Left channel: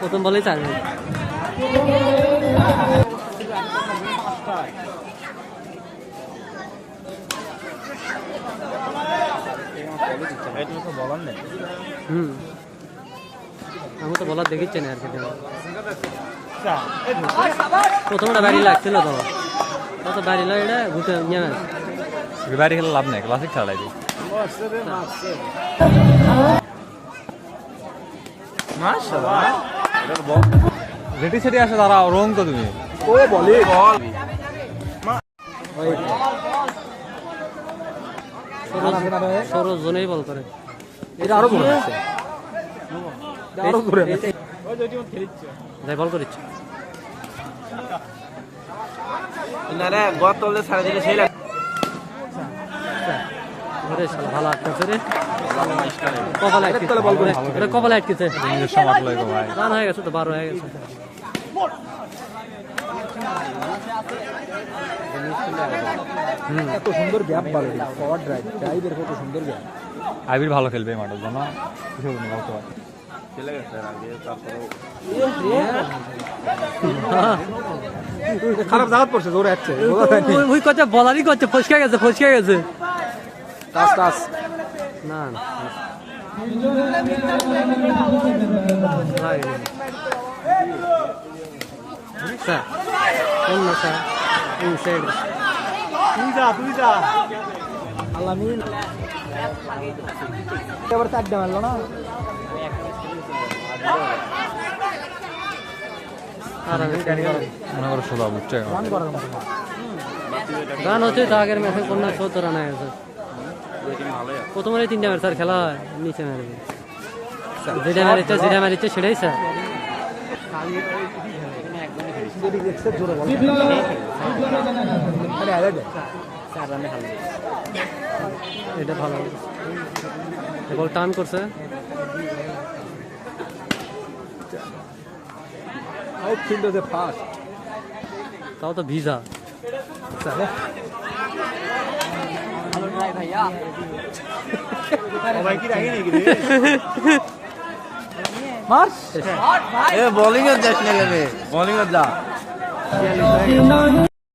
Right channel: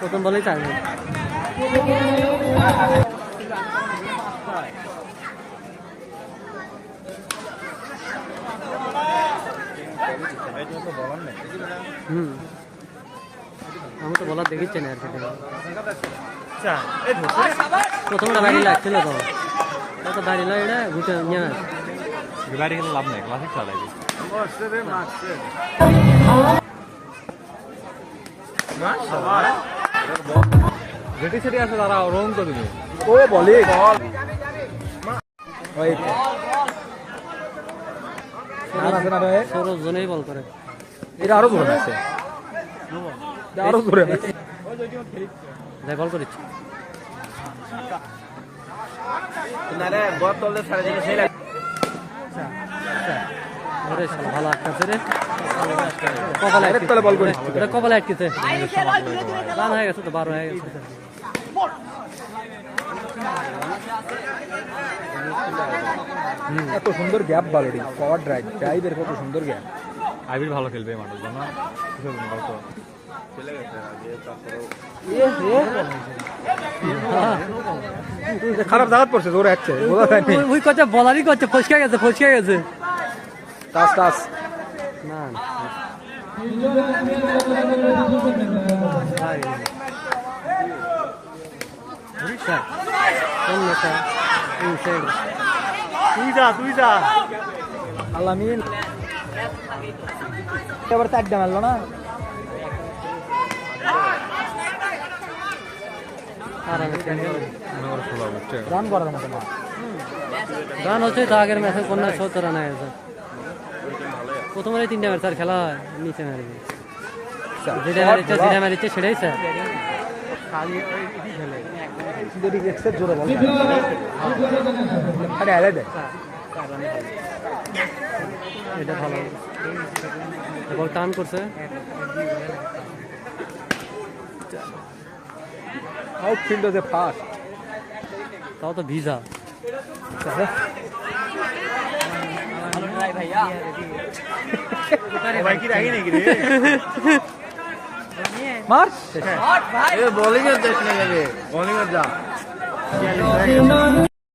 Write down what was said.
প্রথম বলেই 4 মিনিট। আমি তো বলার দেখিচ্ছে না আর কি। প্রথমটা বাড়ি লাগছিল তো বাড়ি লো এটা ঘুরতে নিয়ে বাড়ি খেলে লাভ নেই, ক্লাসিক ছাড়াই রেটি সেটি আসে তারা রং তো তুমি ও বলে সরো জনেই বল করে। এটা আরো জোরে আছে, আরো জোরে আছে। যাই বল করিচ্ছে ঘরে শালা ভালো আটকাছে রে, কপালে আটকেছে, কপালে আটকেছে। রান হয়ে গেছে তো, 12 হয়ে গেছে। এত সুন্দর গ্যাপ বাড়ি পাওয়ার ড্রাইভ ড্রাইভের কত সুন্দর গ্যাপ। আবির ভালো খেলবে মাঠের জন্য, খারাপ জায়গা পড়ছে, জোরে আসছে ওই কথা বলারই করছে, ফসকে গেছে টাচ টাচ না স্যার অন্য স্যার ইনসাইড তুই যা আলামিন এবার 4টা মারলো না। রান করা যাবে না, রান হচ্ছে তো আগের ম্যাচে 70 রান হয়ে গেছে। প্রথমে 3টা ম্যাচ স্যার খেলা হয়, নিচে মারবে যেটা মারিচ্ছে সেটাই স্যার। জোরে বল এটা ভালো বল টার্ন করছে, তাও তো ভিজা বোলিং যা